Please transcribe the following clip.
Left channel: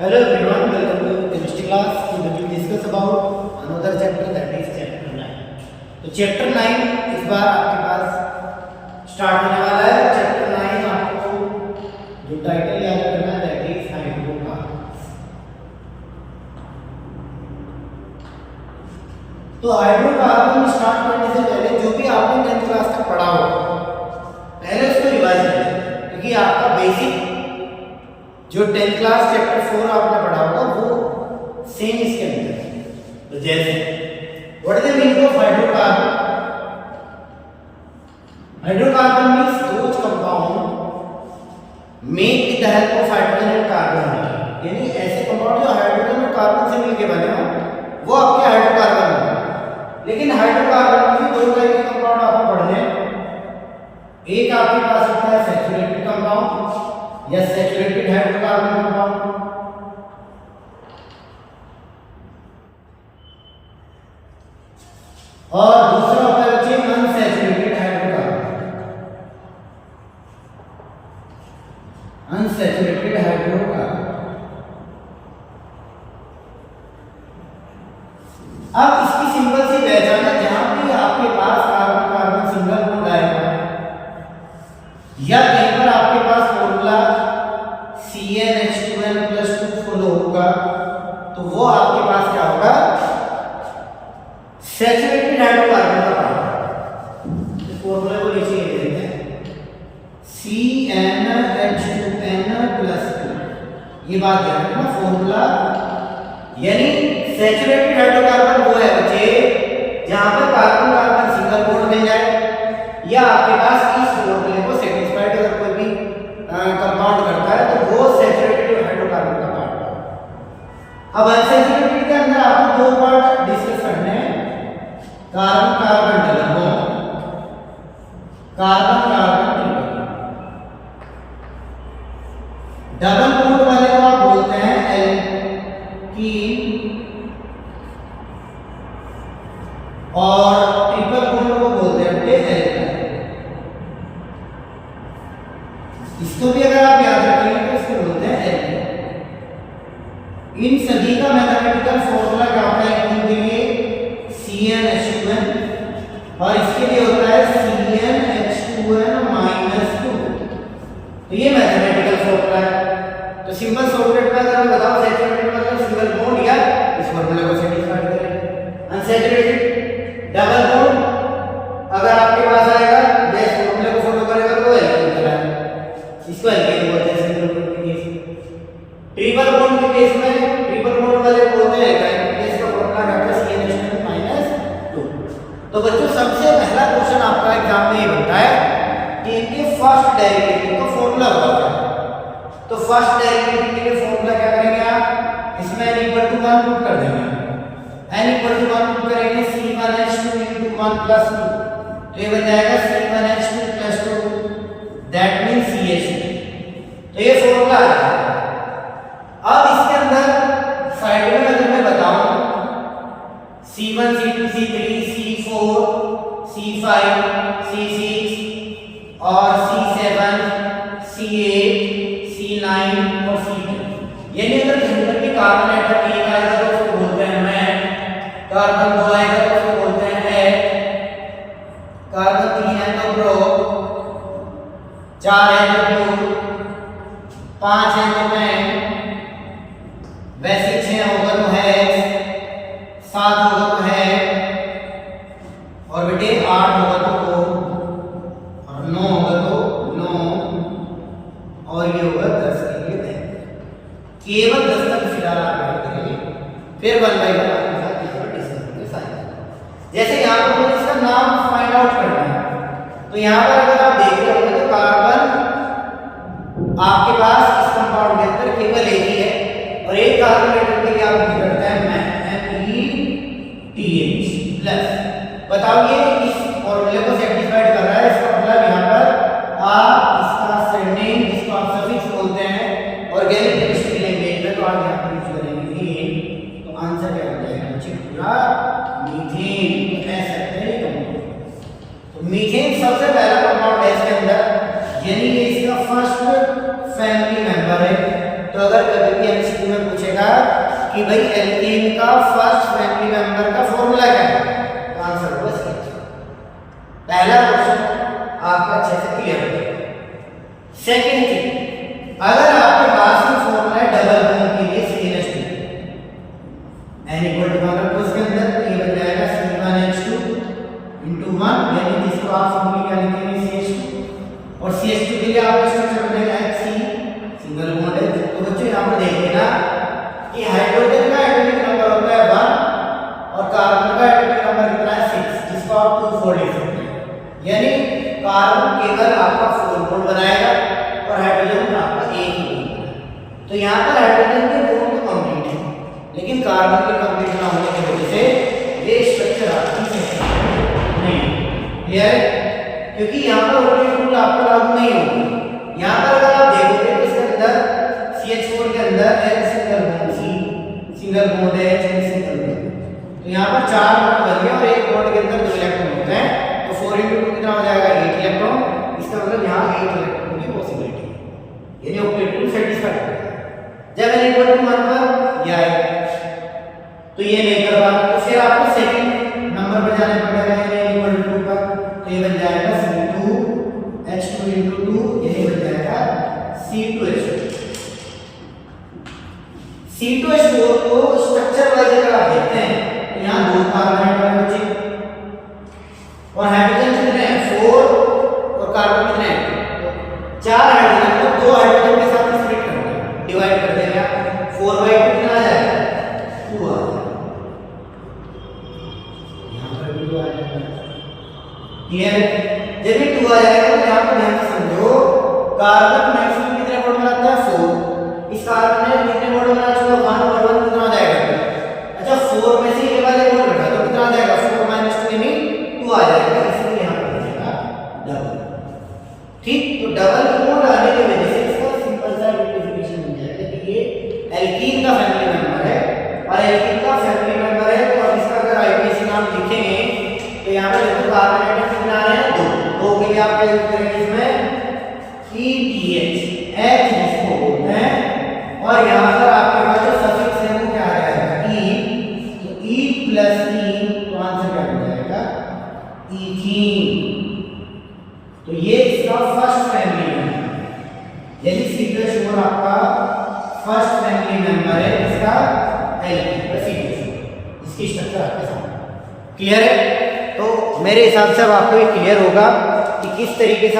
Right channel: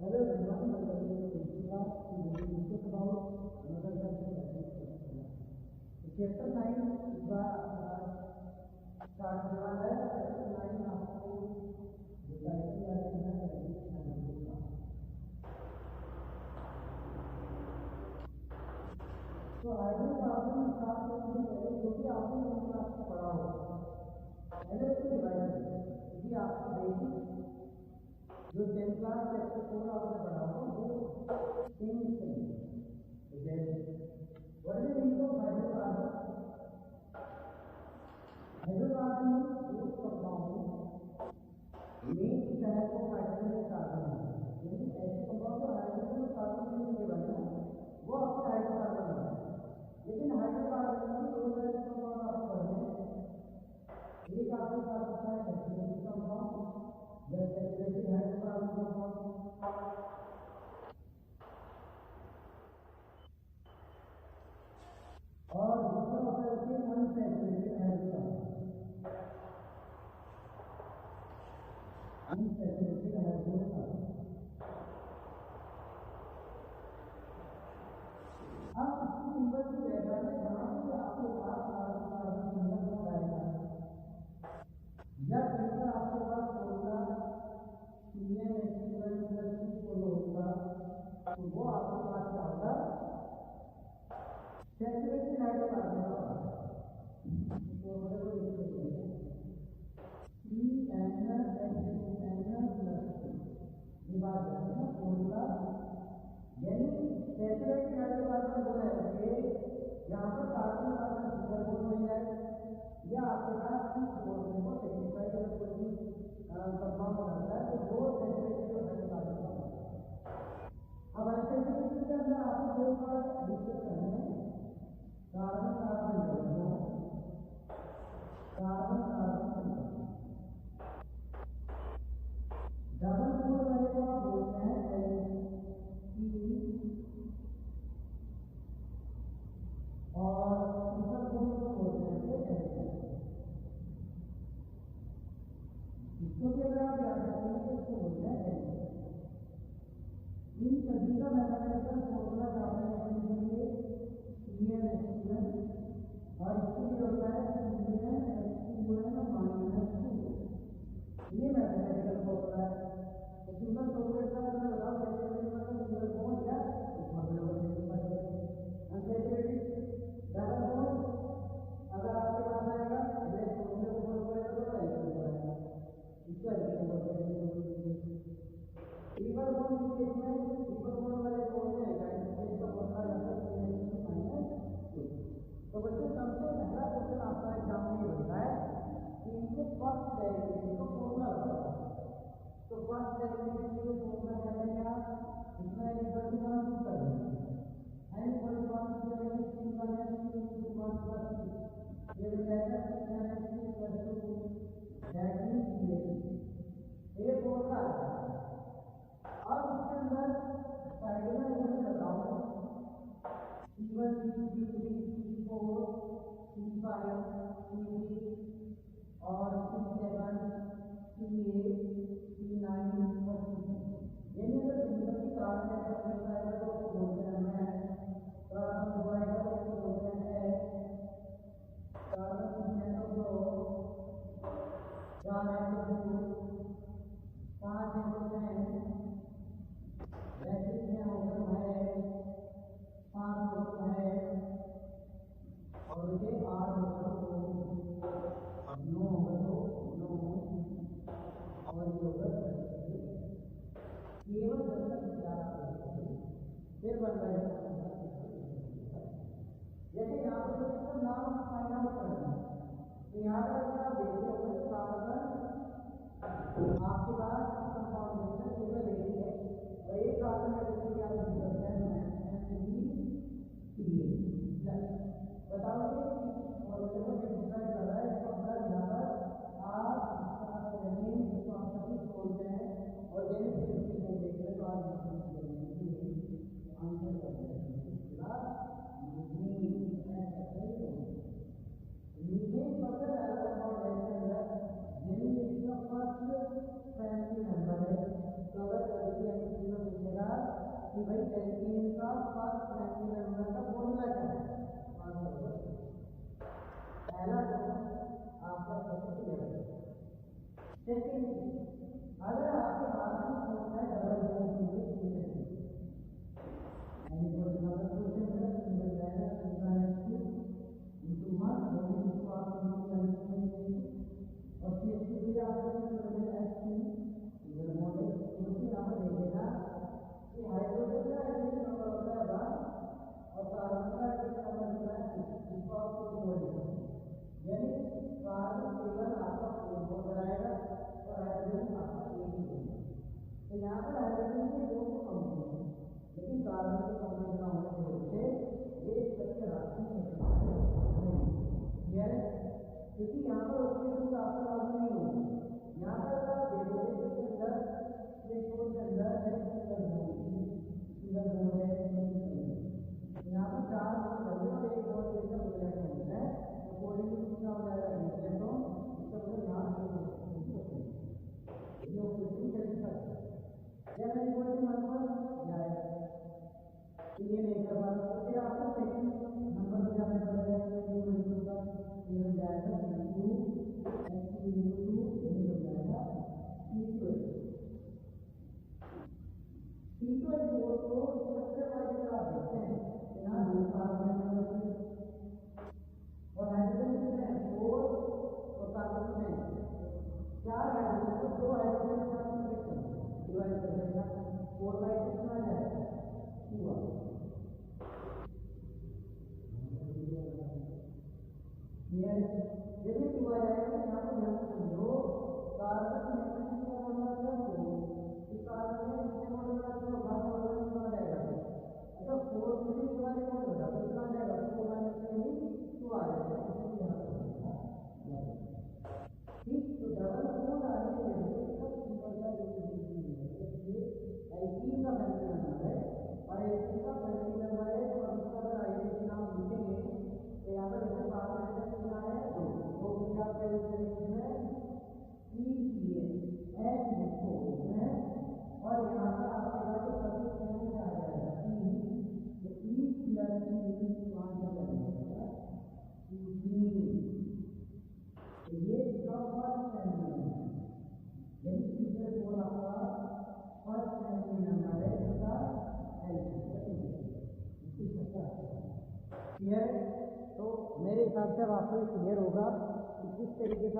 Hello everyone, welcome to chemistry class. Today we will discuss about another chapter, that is chapter 9. तो chapter 9 इस बार आपके पास start होने वाला है। chapter 9 आपको जो टाइटल याद रखना है, that is हाइड्रोकार्बन्स। तो हाइड्रोकार्बन स्टार्ट करने से पहले जो भी आपने 10th क्लास तक पढ़ा हो, पहले उसको रिवाइज करें, क्योंकि आपका बेसिक जो 10th क्लास चैप्टर 4 आपने पढ़ा होगा वो सेम इसके अंदर है। तो जैसे what is the meaning of hydrocarbon? Hydrocarbon means those compound made with the help of hydrogen and carbon, यानी ऐसे कंपाउंड जो हाइड्रोजन और कार्बन से मिलकर बने हो वो आपके हाइड्रोकार्बन होंगे। लेकिन हाइड्रोकार्बन में दो टाइप के कंपाउंड आपको पढ़ने हैं। एक आपके पास होता है सैचुरेटेड कंपाउंड या सैचुरेटेड हाइड्रोकार्बन कंपाउंड, और दूसरा होता है बच्चे अनसैचुरेटेड हाइड्रोकार्बन। Unsaturated hydrocarbon. अब इसकी सिंपल सी पहचान है, जहां भी आपके पास कार्बन कार्बन सिंगल बॉन्ड आएगा या कहीं पर आपके पास फॉर्मूला CnH2n+2 फॉलो होगा, तो वो आपके पास क्या होगा? सैचुरेटेड हाइड्रोकार्बन का पार्ट। इस फॉर्मूले को नीचे लिख देते हैं, CnH2n+2। ये बात ध्यान रखना, फॉर्मूला यानी सैचुरेटेड हाइड्रोकार्बन वो है बच्चे जहां पर कार्बन कार्बन सिंगल बॉन्ड मिल जाए या आपके पास इस फॉर्मूले को सेटिस्फाइड अगर कोई भी कंपाउंड करता है तो वो सैचुरेटेड हाइड्रोकार्बन का पार्ट है। अब अनसैचुरेटेड के अंदर आपको दो पार्ट डिस्कस करने हैं, carbon carbon double bond, carbon carbon triple bond. Double bond वाले को आप बोलते हैं एल्कीन और ट्रिपल बॉन्ड को बोलते हैं एल्काइन। इसको भी अगर आप याद रखेंगे तो इसको बोलते हैं एल्कीन। इन सभी का मैथमेटिकल फॉर्मूला क्या होता है? एल्कीन के लिए CnH2n और इसके लिए होता है CnH2n-2। तो ये मैथमेटिकल फॉर्मूला है। तो सिंपल शॉर्टकट में अगर मैं बताऊं, सैचुरेटेड मतलब सिंगल बॉन्ड या इस फॉर्मूले को सेटिस्फाई करें। अनसैचुरेटेड डबल बॉन्ड अगर आपके पास आएगा या इस फॉर्मूले को फॉलो करेगा तो एल्कीन कहलाएगा, इसको एल्कीन बोलते हैं सिंगल बॉन्ड के केस। ट्रिपल बॉन्ड के केस में ट्रिपल बॉन्ड वाले बोलते हैं एल्काइन, इसका फॉर्मूला क्या है? CnH2n-2। तो बच्चों सबसे पहला क्वेश्चन आपका एग्जाम में ये बनता है कि इनके फर्स्ट डेरिवेटिव का फॉर्मूला होता है। तो फर्स्ट डेरिवेटिव के लिए फॉर्मूला क्या करेंगे आप? इसमें n = 1 पुट कर देंगे। n = 1 पुट करेंगे, C1H2 × 1+2, तो ये बन जाएगा C1H2+2, दैट मींस CH2। तो ये फॉर्मूला है। अब इसके अंदर साइड में अगर मैं बताऊं C1 C2 C3 C4 C5 C6 और C7 C8 C9 और C10, यानी अगर कहीं पर भी कार्बन एटम एक आएगा तो उसको बोलते हैं मेट, कार्बन 2 आएगा तो उसको बोलते हैं एट, कार्बन 3 है तो प्रो, 4 है तो प्यूर, 5 है तो मेट, वैसे 6 होगा तो हेक्स, 7 होगा तो हेक्स, और बेटे 8 होगा तो को, और 9 होगा तो नो, और ये होगा 10 के लिए 10। केवल 10 तक फिलहाल आप याद करेंगे, फिर 1 बाय 1 आपके साथ इस पर डिस्कस करेंगे साइंस। जैसे यहाँ पर मुझे इसका नाम फाइंड आउट करना है, तो यहाँ पर अगर आप देख रहे होंगे तो कार्बन आपके पास इस कंपाउंड के अंदर केवल एक ही है, और एक कार्बन एटम के लिए आप यूज करते हैं METH+। बताओ ये इस फॉर्मूले को सेटिस्फाइड कर रहा है, इसका मतलब यहाँ पर आप इसका सरनेम जिसको आप सफिक्स बोलते हैं ऑर्गेनिक केमिस्ट्री लैंग्वेज में, तो आप यहाँ पर यूज करेंगे मीथेन। तो आंसर क्या हो जाएगा बच्चे? पूरा मीथेन कह सकते हैं। तो मीथेन सबसे पहला कंपाउंड है इसके अंदर, यानी ये इसका फर्स्ट फैमिली मेंबर है। तो तो अगर कभी भी एमसीक्यू में पूछेगा कि भाई एल्कीन का फर्स्ट फैमिली मेंबर का फॉर्मूला क्या है, तो आंसर होगा CH। पहला क्वेश्चन आपका अच्छे से क्लियर हो गया। सेकंड थिंग, अगर आपके पास में फॉर्मूला है डबल बॉन्ड के लिए CH2 n इक्वल टू अगर उसके अंदर तो ये बन जाएगा C1H2 into 1, यानी जिसको आप फॉर्मूला क्या लिखेंगे CH2, और CH2 के लिए आपका स्ट्रक्चर बनेगा HC, सिंगल बॉन्ड है। तो बच्चों यहां पर देखिए ना कि हाइड्रोजन का एटॉमिक नंबर होता है 1 और कार्बन का एटॉमिक नंबर कितना है 6, जिसको आप 2 लिख सकते हैं। यानी कार्बन केवल आपका 4 बॉन्ड बनाएगा और हाइड्रोजन आपका एक ही बॉन्ड बनाएगा। तो यहां पर हाइड्रोजन के बॉन्ड तो कंप्लीट है, लेकिन कार्बन के कंप्लीट ना होने की वजह से ये स्ट्रक्चर आपकी नहीं क्लियर है, क्योंकि यहां पर ऑर्बिटल रूल आपको लागू नहीं होगा। यहां पर अगर आप देखोगे तो इसके अंदर CH4 के अंदर N single bond C, single bond H, single bond, तो यहां पर 4 बॉन्ड बन गए और एक बॉन्ड के अंदर 2 इलेक्ट्रॉन होते हैं, तो 4 * 2 कितना हो जाएगा 8 इलेक्ट्रॉन। इसका मतलब यहां 8 इलेक्ट्रॉन की पॉसिबिलिटी है, यानी ऑर्बिटल रूल सेटिस्फाई करेगा। जब n = 1 पर या तो ये नहीं करवा, तो फिर आपको सेकंड नंबर पर जाने पड़ेगा, यानी n = 2 पर, तो ये बन जाएगा C2H2 * 2, यही बन जाएगा C2H2। C2H4 को स्ट्रक्चर वाइज अगर आप देखते हैं तो यहाँ 2 कार्बन एटम बचे और हाइड्रोजन कितने हैं 4 और कार्बन कितने हैं 4 हाइड्रोजन को 2 हाइड्रोजन के साथ स्प्लिट कर देंगे, डिवाइड कर देंगे आप, 4/2 कितना आ जाएगा 2 आ जाएगा, यहाँ पर भी 2 आ जाएगा। क्लियर? जब ये 2 आ जाएगा तो यहाँ पर ध्यान से समझो, कार्बन मैक्सिमम कितने बॉन्ड बनाता है 4, इस कार्बन ने कितने बॉन्ड बना चुका 1 और 1 कितना आ जाएगा। अच्छा 4 में से ये वाले बॉन्ड घटा तो कितना आ जाएगा 4 - 2 यानी 2 आ जाएगा, इसलिए यहां पर बचेगा डबल। ठीक, तो डबल बॉन्ड आने की वजह से इसका सिंपल सा आइडेंटिफिकेशन बन जाएगा कि ये एल्कीन का फैमिली मेंबर है, और एल्कीन का फैमिली मेंबर है तो अब इसका अगर आईपीसी नाम लिखेंगे तो यहां पर देखो कार्बन एटम कितना आ रहे हैं 2 के लिए आप क्या यूज करेंगे इसमें ETH, H जिसको बोलते हैं, और यहाँ पर आपके पास जो सफिक्स है वो क्या आ जाएगा E, तो E + E तो आंसर क्या बन जाएगा ईथीन। तो ये इसका फर्स्ट फैमिली मेंबर है, यानी C2H4 आपका फर्स्ट फैमिली मेंबर है इसका एल्कीन C2H4, इसकी स्ट्रक्चर आपके सामने क्लियर है। तो मेरे हिसाब से अब आपको ये क्लियर होगा कि किस तरीके से